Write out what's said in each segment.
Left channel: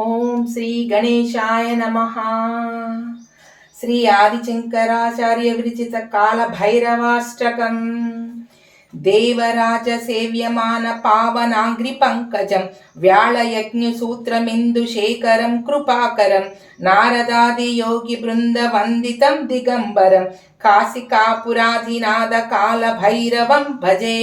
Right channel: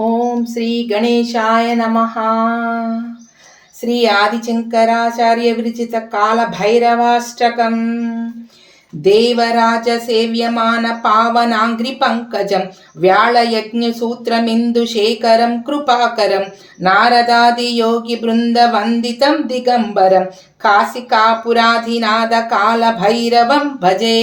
ఓం శ్రీ గణేశాయ నమ. శ్రీ ఆదిశంకరాచార్య విరచిత కాల భైరవాష్టకం దేవరాజ సేవ్యమాన పావనాంగ్రి పంకజం. వ్యాళయజ్ఞ సూత్రమిందు శేఖరం కృపాకరం. నారదాది యోగి బృంద వందితం దిగంబరం. కాశికాపురాధినాద కాల భైరవం భజే.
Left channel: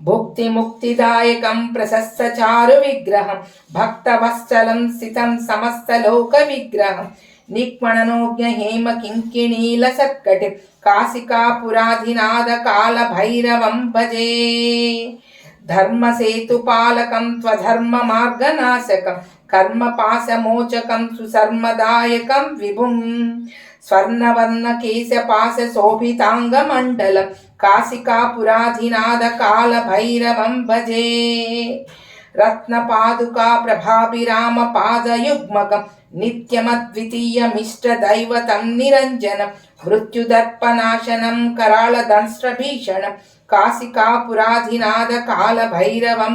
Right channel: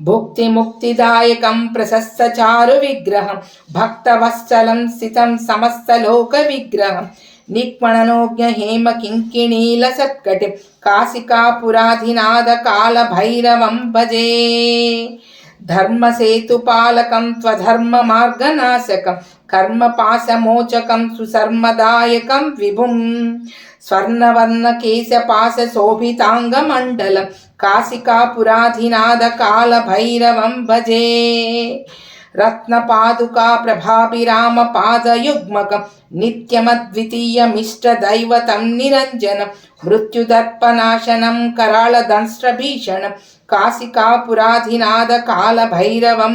భుక్తిముక్తిదాయకం ప్రశస్తచారు విగ్రహం భక్తవత్సలం స్థితం సమస్తలోక విగ్రహం నిక్మణనోజ్ఞ హేమ కింకిణీల సత్కటి కాశికాపురాధినాథ కాలభైరవం निक्पणनोज्ञ हेम किङ्किणीलसत्कट कासिकापुराधिनादकालभैरवं भजे। धर्मसेतुपालकं त्वधर्ममार्गनाशकं कर्मपाशमोचकं सुसर्मदायकं विभुम् स्वर्णवर्णकेशपाशशोभिताङ्गमण्डलं कासिकापुराधिनादकालभैरवं भजे। అట్టహాస ప్రభాభిరామ పాదయుగ్మకం సంతతి దృష్టిపాత నష్టపాపజాలముగ్రనాశనం అష్టసిద్ధిదాయకం కాశికాపురాధినాథ కాల భైరవం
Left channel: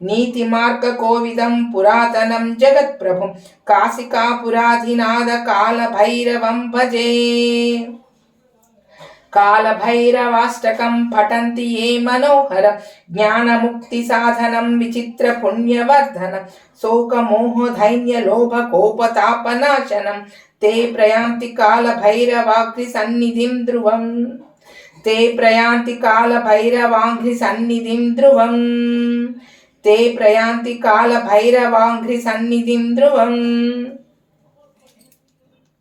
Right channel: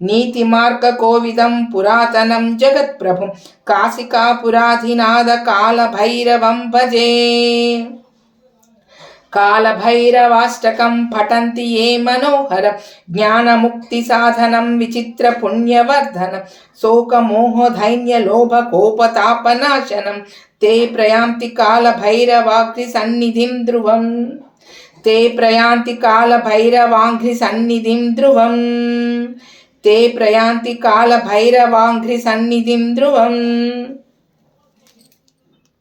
నీతిమార్గకోవిదం పురాతనం జగత్ప్రభుం కాశికాపురాధినాథ కాలభైరవం భజే కాలభైరవాష్టకం పఠంతి ఏ మనోహరం జ్ఞానముక్తిసాధనం విచిత్రపుణ్యవర్ధనం శోకమోహధైన్యలోభకోపతాపనాశనం ते प्रयान्ति कालभैरवाग्निसन्निधिं ध्रुवम् ते प्रयान्ति कालभैरवाङ्घ्रिसन्निधिं ध्रुवम् ते प्रयान्ति कालभैरवाङ्घ्रिसन्निधिं ध्रुवम्